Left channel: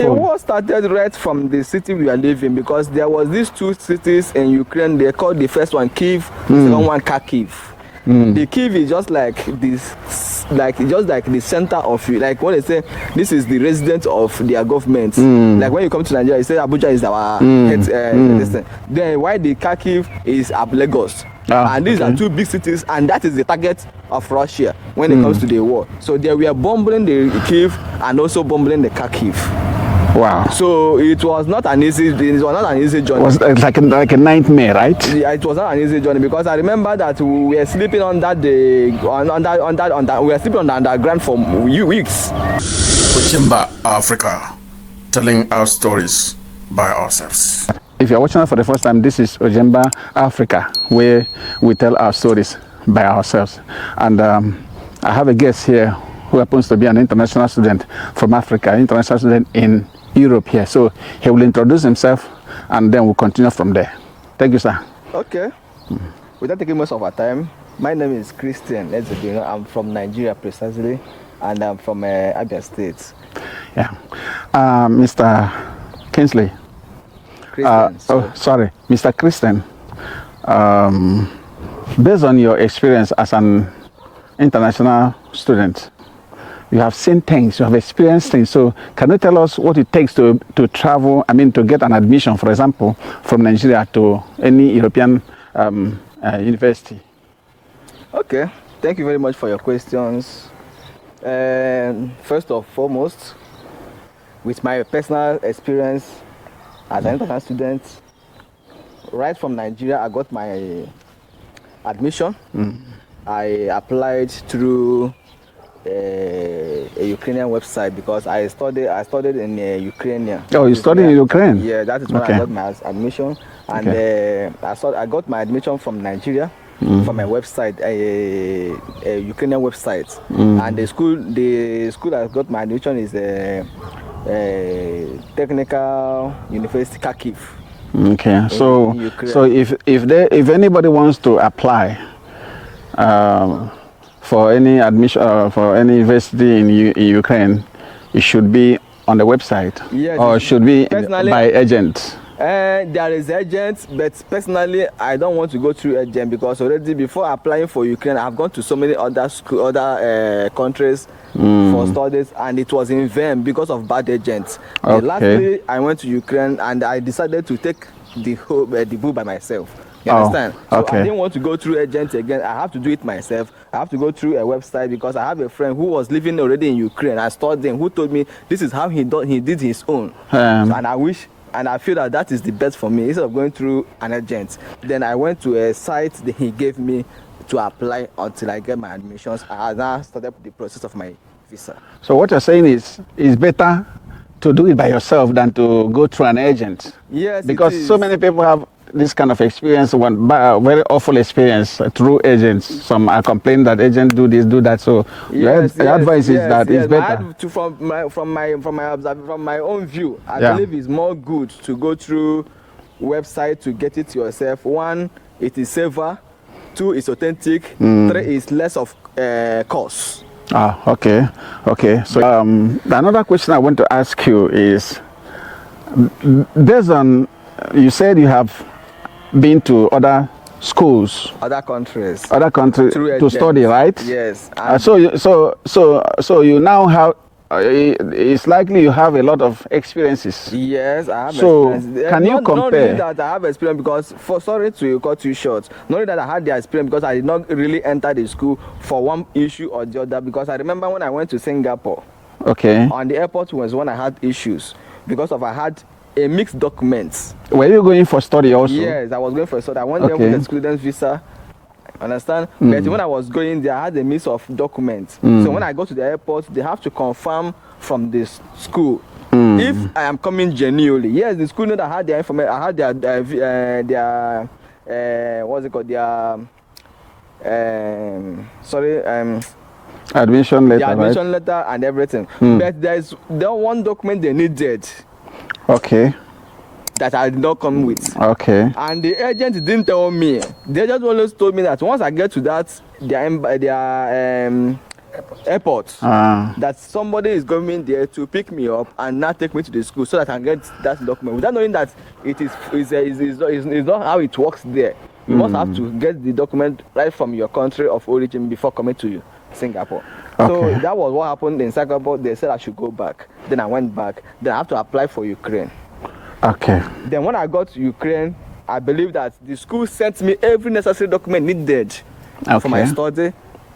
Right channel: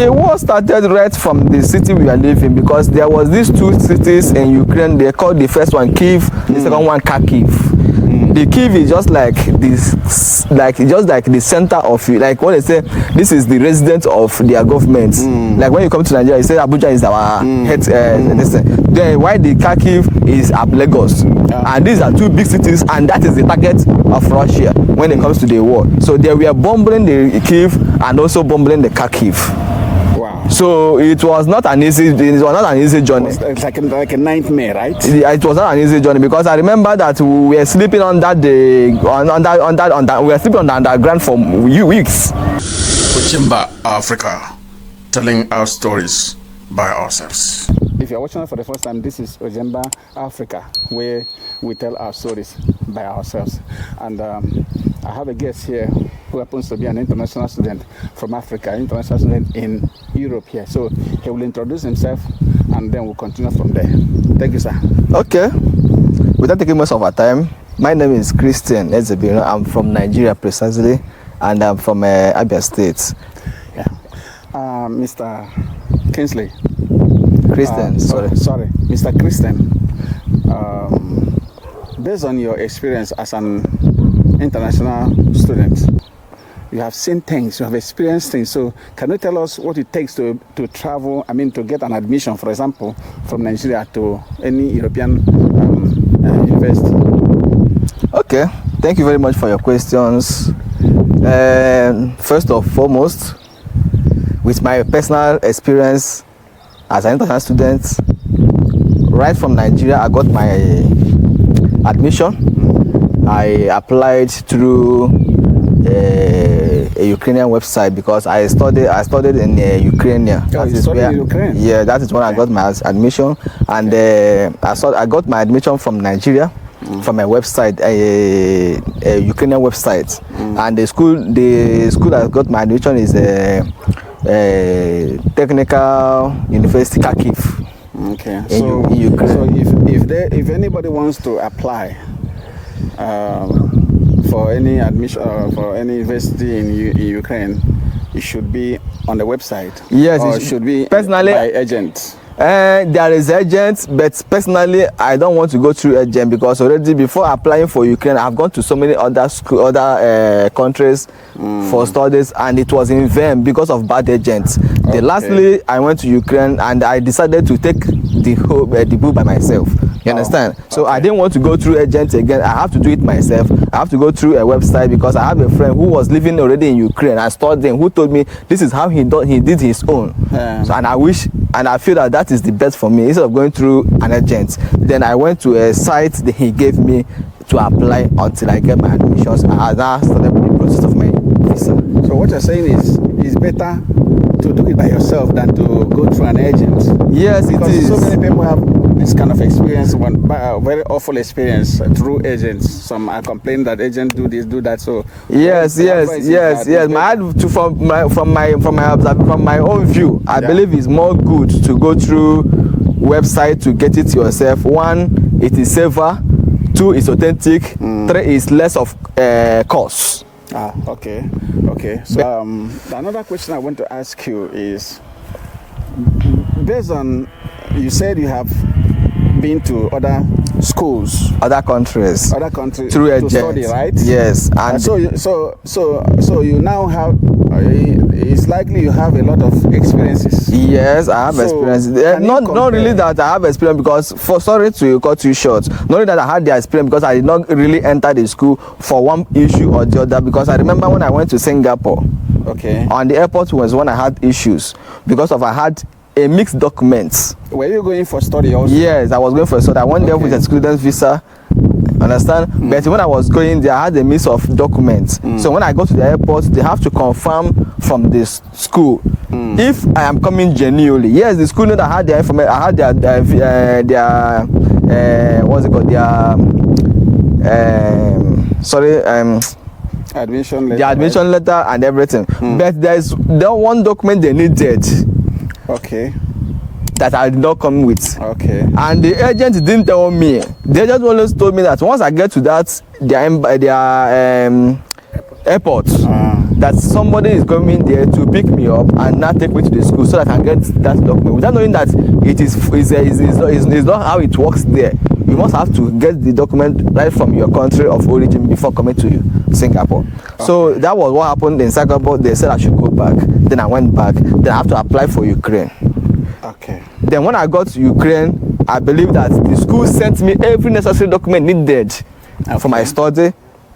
The war started right from the city we are living, because there was these two cities in Ukraine. They called the first one Kyiv, the second one Kharkiv. The Kyiv is just like this, just like the center of you. Like when they say this is the residence of their government. Like when you come to Nigeria, you say Abuja is our head. Then why the Kharkiv is at Lagos, and these are two big cities, and that is the target of Russia when it comes to the war. So they were bombing the Kyiv and also bombing the Kharkiv. Wow. So it was not an easy journey. It was like a nightmare, right? Yeah, it was not an easy journey, because I remember that we were sleeping we were sleeping on the underground for weeks. Ojemba Africa, telling our stories by ourselves. If you're watching us for the first time, this is Ojemba Africa, where we tell our stories by ourselves. And I have a guest here who happens to be an international student from Africa, international student in Europe here. So he will introduce himself, and then we'll continue from there. Thank you, sir. Okay. Without taking most of our time, my name is Christian Ezebino. I'm from Nigeria precisely, and I'm from Abia State. Yeah. Mr. Kingsley. Christian, sorry, Mr. Christian. Based on your experience as an international student, you have seen things, you have experienced things. So can you tell us what it takes to travel, to get an admission, for example, from Nigeria to any European university? Okay, thank you very much for your questions. First and foremost, with my personal experience as an international student, right from Nigeria, I got my admission. I applied through a Ukrainian website, because I studied in Ukraine. Oh, you studied in Ukraine? Yeah, that is when I got my admission. And I got my admission from Nigeria, from a website, a Ukrainian website. And the school I got my admission is Technical University Kharkiv. Okay, so if anybody wants to apply for any admission for any university in Ukraine, it should be on the website. Yes, or it should be by agent. There is agents, but personally, I don't want to go through agent, because already before applying for Ukraine, I've gone to so many other countries for studies, and it was in vain because of bad agents. Okay. Lastly, I went to Ukraine, and I decided to take the book by myself. You understand? So I didn't want to go through agents again. I have to do it myself. I have to go through a website, because I have a friend who was living already in Ukraine. I studied him, who told me this is how he did his own. And I feel that is the best for me, instead of going through an agent. Then I went to a site that he gave me to apply until I get my admissions. I now started the process of my visa. So what you're saying is, it's better to do it by yourself than to go through an agent. Yes, because so many people have this kind of experience, very awful experience through agents. Some are complaining that agents do this, do that. So advice is that from my own view, I believe it's more good to go through website to get it yourself. One, it is safer. Two, it's authentic. Three, is less of cost. Okay. So another question I want to ask you is, you said you have been to other schools, other countries to study, right? Yes. So you now have. It's likely you have a lot of experiences. Yes, I have experience. Not really that I have experience, because sorry to cut you short. Not really that I had the experience, because I did not really enter the school for one issue or the other. Because I remember when I went to Singapore. Okay. On the airport was when I had issues, because I had a mixed documents. Were you going for study also? Yes, I was going for study. I went there with a student visa. Understand? But when I was going there, I had a mix of documents. So when I go to the airport, they have to confirm from the school if I am coming genuinely. Yes, the school know that I had their information. I had their what's it called? Admission letter. The admission letter and everything. But there's one document they needed. Okay. That I did not come with. Okay. And the agent didn't tell me. They just only told me that once I get to that, airport that somebody is going there to pick me up and now take me to the school so that I can get that document without knowing that it's not how it works there. You must have to get the document right from your country of origin before coming to Singapore. Okay. So that was what happened in Singapore. They said I should go back. Then I went back. Then I have to apply for Ukraine. Okay. Then when I got to Ukraine, I believe that the school sent me every necessary document needed for my study,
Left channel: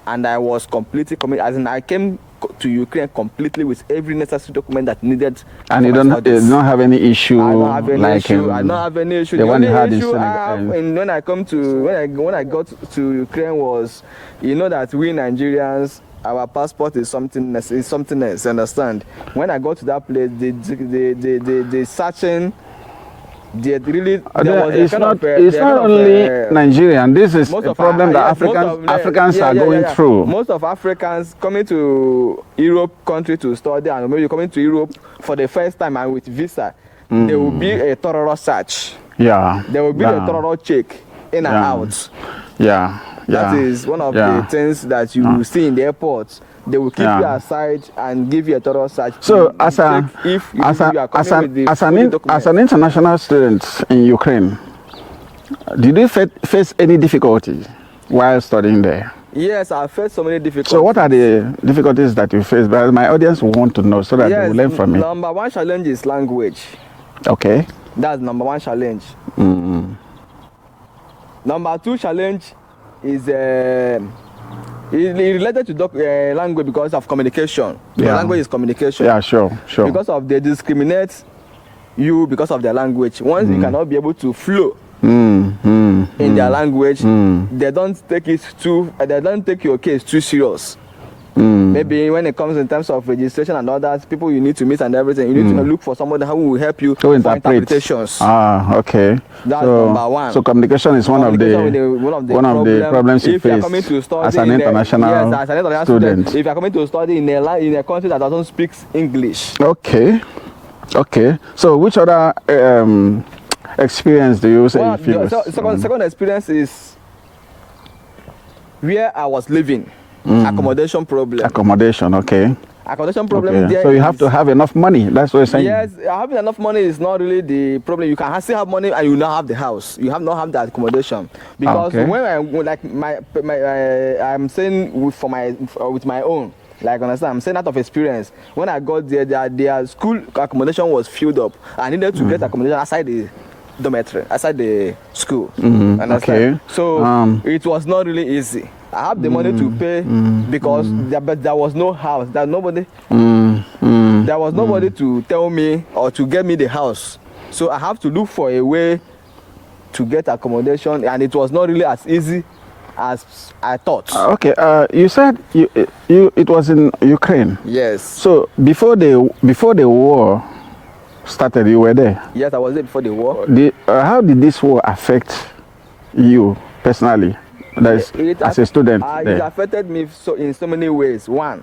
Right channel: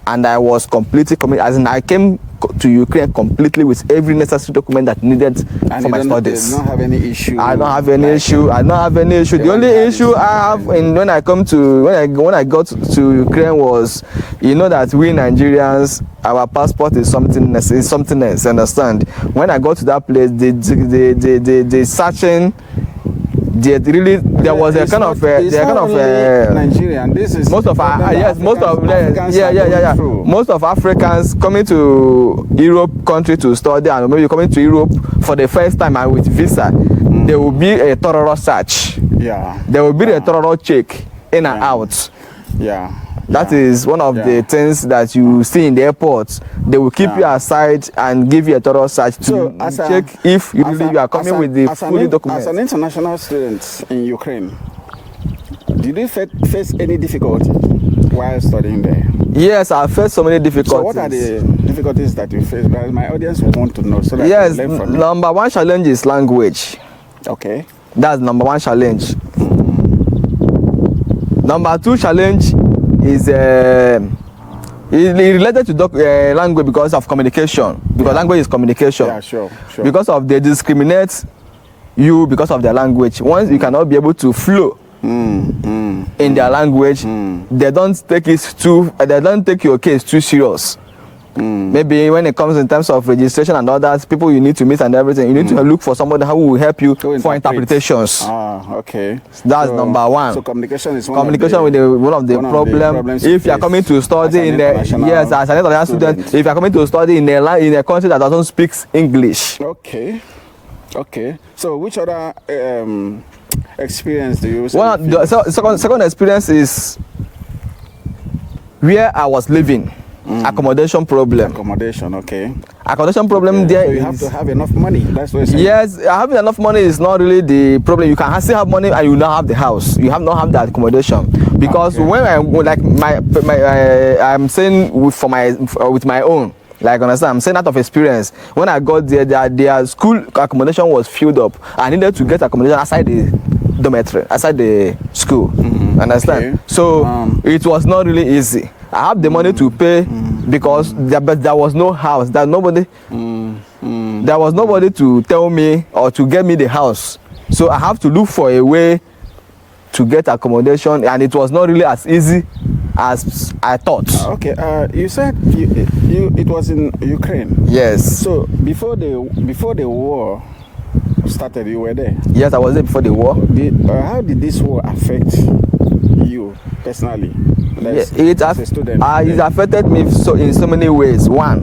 and I was completely committed. As in, I came to Ukraine completely with every necessary document that needed and for my studies. You don't have any issue. I don't have any issue. I don't have any issue. The only issue I have when I got to Ukraine was, you know, that we Nigerians, our passport is something else. Understand? When I got to that place, the searching. There was a kind of Nigerian. This is most of Africans are going through. Most of Africans coming to Europe country to study, and maybe coming to Europe for the first time and with visa, there will be a thorough search. Yeah. There will be a thorough check in and out. Yeah. That is one of the things that you see in the airports. They will keep you aside and give you a thorough search to check if you are coming with the full documents. As an international student in Ukraine, did you face any difficulty while studying there? Yes, I faced so many difficulties. So what are the difficulties that you face? But my audience will want to know so that they will learn from you. Number one challenge is language. Okay. That's number one challenge. Number two challenge is related to language because of communication. Because language is communication. Yeah, sure. Because of they discriminate you because of their language. Once you cannot be able to flow in their language, they don't take your case too serious. Maybe when it comes in terms of registration and others, people you need to meet and everything, you need to look for somebody who will help you for interpretations. Okay. That's number one. So communication is one of the problems if you are coming to study as an international student, if you are coming to study in a country that doesn't speak English. Okay. So which other experience do you say? Second experience is where I was living. Accommodation problem. Accommodation problem. There. So you have to have enough money. That's what you're saying. Yes, having enough money is not really the problem. You can still have money and you not have the house. You not have the accommodation because when I'm saying with my own. Like, understand, I'm saying out of experience. When I got there, their school accommodation was filled up. I needed to get accommodation outside the dormitory, outside the school. Understand? Okay. So it was not really easy. I have the money to pay because there was no house. There was nobody to tell me or to get me the house. So I have to look for a way to get accommodation, and it was not really as easy as I thought. Okay, you said it was in Ukraine. Yes. So before the war started, you were there. Yes, I was there before the war. How did this war affect you personally? As a student. It affected me in so many ways. One,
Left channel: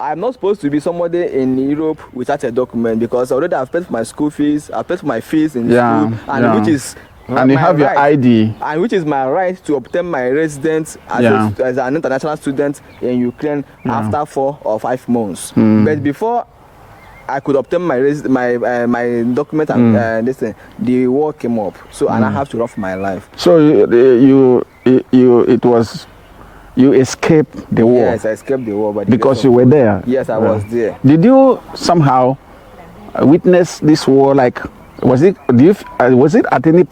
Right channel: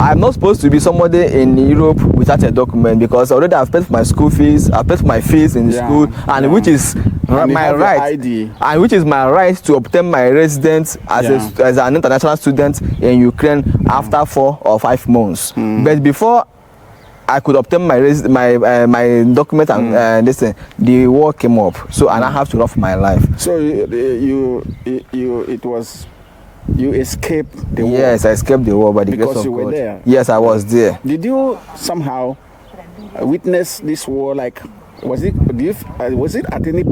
I'm not supposed to be somebody in Europe without a document because already I've paid for my school fees, I've paid for my fees in school, and which is my right, ID. And which is my right to obtain my residence as an international student in Ukraine after 4 or 5 months. But before I could obtain my document and the war came up, so and I have to run for my life. So you escaped the war? Yes, I escaped the war because you were there. Yes, I was there. Did you somehow witness this war? Like, was it at any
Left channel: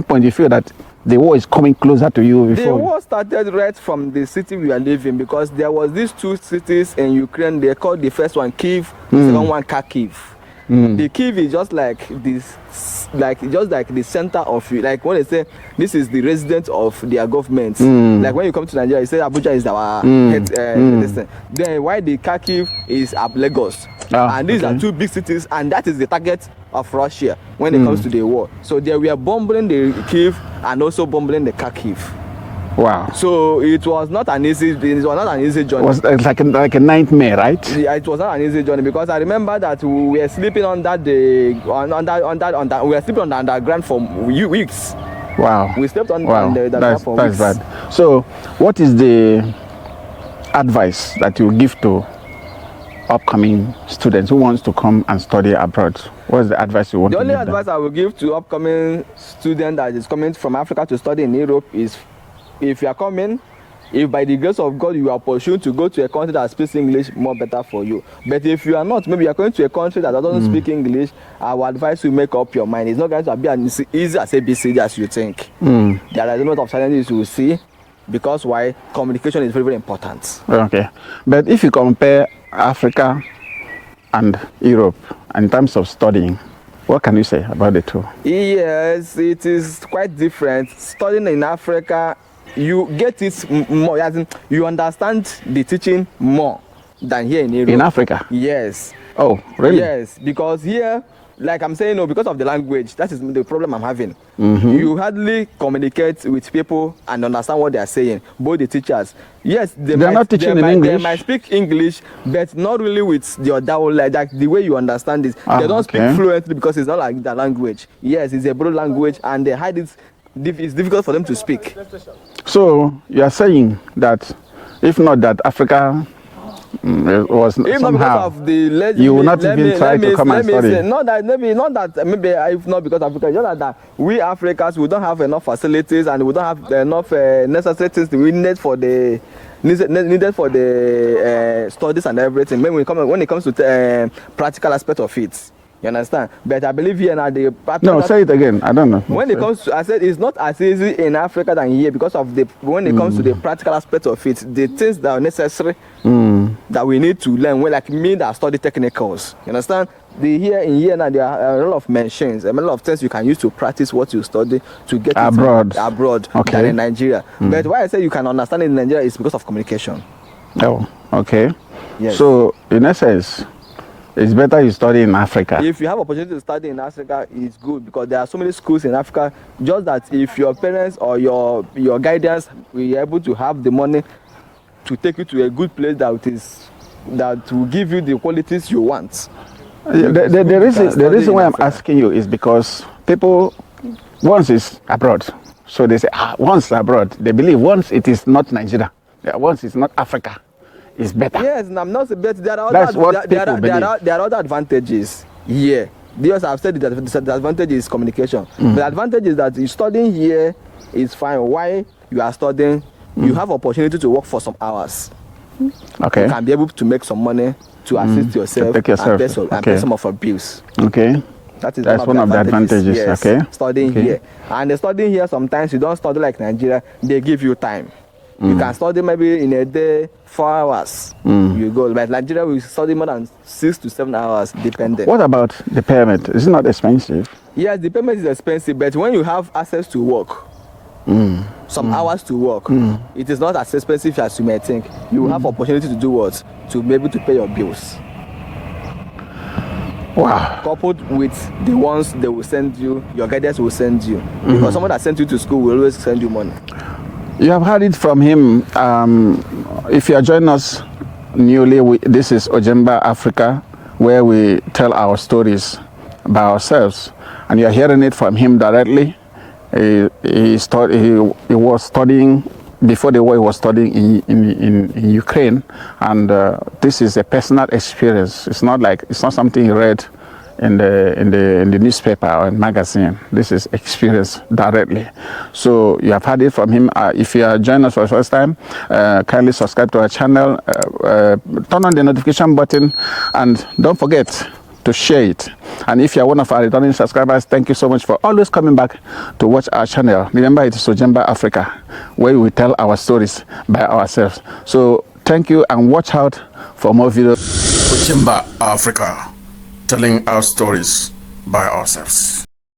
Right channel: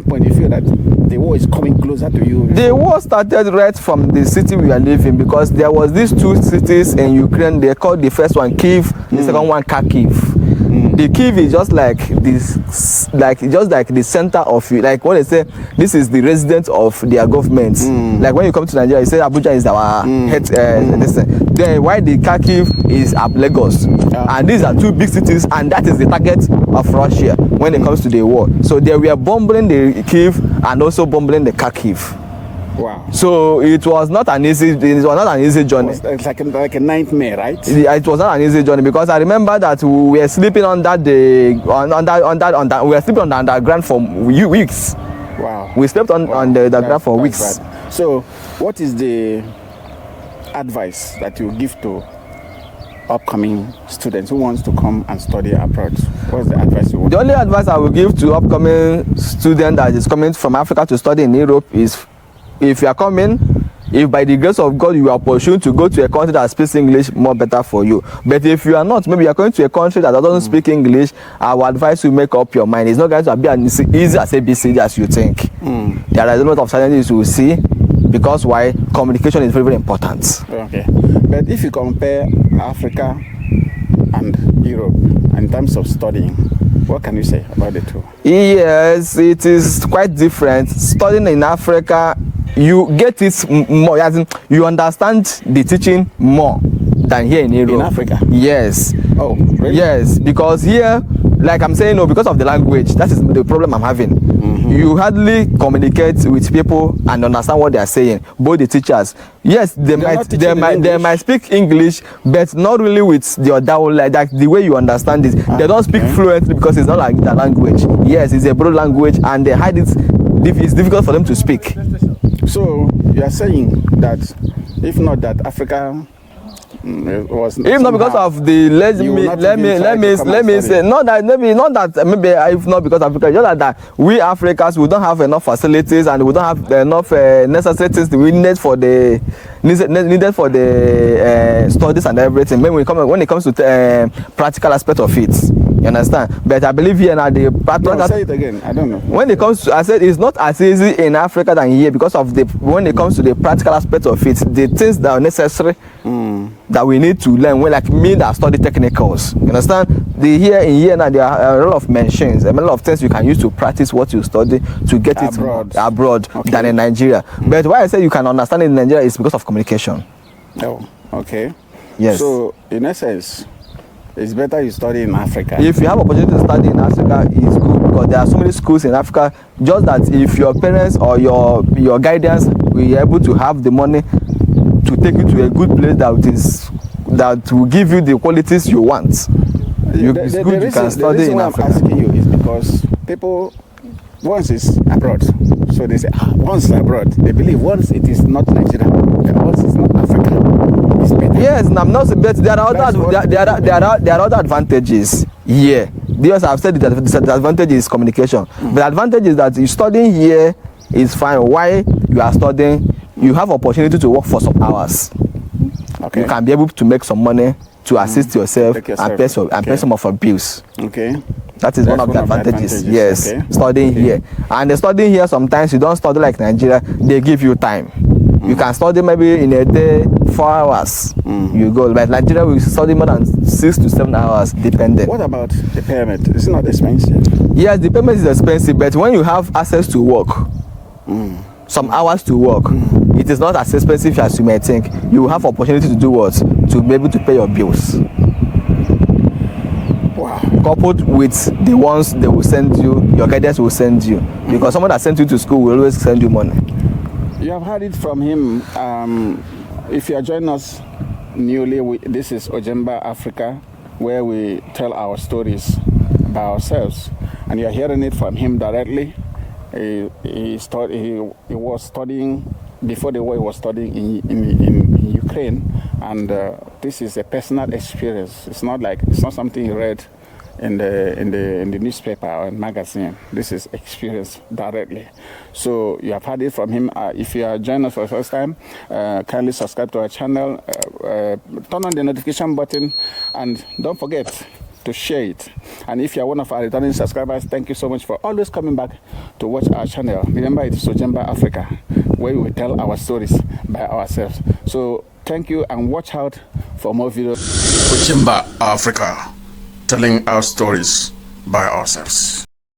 point you feel that the war is coming closer to you? The war started right from the city we are living because there was these 2 cities in Ukraine. They called the first one Kyiv, the second one Kharkiv. The Kyiv is just like this, just like the center of you. Like when they say this is the residence of their government. Like when you come to Nigeria, you say Abuja is our head. Then why the Kharkiv is Lagos, and these are 2 big cities, and that is the target of Russia when it comes to the war. So they were bombing the Kyiv and also bombing the Kharkiv. Wow. So it was not an easy journey. It was like a nightmare, right? It was not an easy journey because I remember that we were sleeping we were sleeping on the underground for weeks. Wow. We slept on the underground for weeks. Bad. So what is the advice that you give to upcoming students who wants to come and study abroad? What's the advice you want? The only advice I will give to upcoming student that is coming from Africa to study in Europe is, if you are coming, if by the grace of God you are pursuing to go to a country that speaks English, more better for you. But if you are not, maybe you are going to a country that doesn't speak English, I will advise you make up your mind. It's not going to be as easy as ABCD as you think. There are a lot of challenges you will see, because why? Communication is very, very important. Okay. But if you compare Africa and Europe in terms of studying, what can you say about the two? Yes, it is quite different. Studying in Africa, you get it more, as in you understand the teaching more than here in Europe. In Africa? Yes. Oh, really? Yes, because here, like I'm saying, no, because of the language, that is the problem I'm having. You hardly communicate with people and understand what they are saying, both the teachers. Yes, they might speak English, but not really with the like the way you understand it. They don't speak fluently because it's not like the language. Yes, it's a broad language, and they hide it. It's difficult for them to speak. So you are saying that if not that Africa was if not because of the let me say maybe if not because of Africa, just that we Africans, we don't have enough facilities and we don't have enough necessities we need for the studies and everything. When it comes to practical aspect of it, you understand? But I believe here now the practical. No, say it again. I don't know. When it comes to, I said it's not as easy in Africa than here, because of the when it comes to the practical aspect of it, the things that are necessary that we need to learn. When like me that study technicals, you understand? Here now there are a lot of machines, a lot of things you can use to practice what you study to get abroad than in Nigeria. But why I say you can understand it in Nigeria is because of communication. Oh, okay. Yes. So in essence, it's better you study in Africa. If you have opportunity to study in Africa, it's good, because there are so many schools in Africa. Just that if your parents or your guidance will able to have the money to take you to a good place that will give you the qualities you want. The reason why I'm asking you is because people, once it's abroad, so they say once abroad, they believe once it is not Nigeria, once it's not Africa, it's better. Yes, I'm not, but there are other advantages. Yeah, because I've said that the disadvantage is communication. The advantage is that you studying here is fine. Why you are studying, you have opportunity to work for some hours. Okay. You can be able to make some money to assist yourself and pay some of your bills. Okay. That is one of the advantages. Yes, okay. Studying here. And the studying here, sometimes you don't study like Nigeria, they give you time. You can study maybe in a day 4 hours. You go. But Nigeria will study more than 6 to 7 hours, depending. What about the payment? Is it not expensive? Yes, the payment is expensive, but when you have access to work, some hours to work, it is not as expensive as you may think. You will have opportunity to do what? To be able to pay your bills. Wow. Coupled with the ones they will send you, your guidance will send you. Because someone that sent you to school will always send you money. You have heard it from him. If you are joining us newly, this is Ojemba Africa, where we tell our stories by ourselves. And you are hearing it from him directly. He was studying, before the war he was studying in Ukraine, and this is a personal experience. It's not something he read in the newspaper or in magazine. This is experience directly. So you have heard it from him. If you are joining us for the first time, kindly subscribe to our channel, turn on the notification button, and don't forget to share it. And if you are one of our returning subscribers, thank you so much for always coming back to watch our channel. Remember, it is Ojemba Africa, where we tell our stories by ourselves. So thank you, and watch out for more videos. Ojemba Africa, telling our stories by ourselves.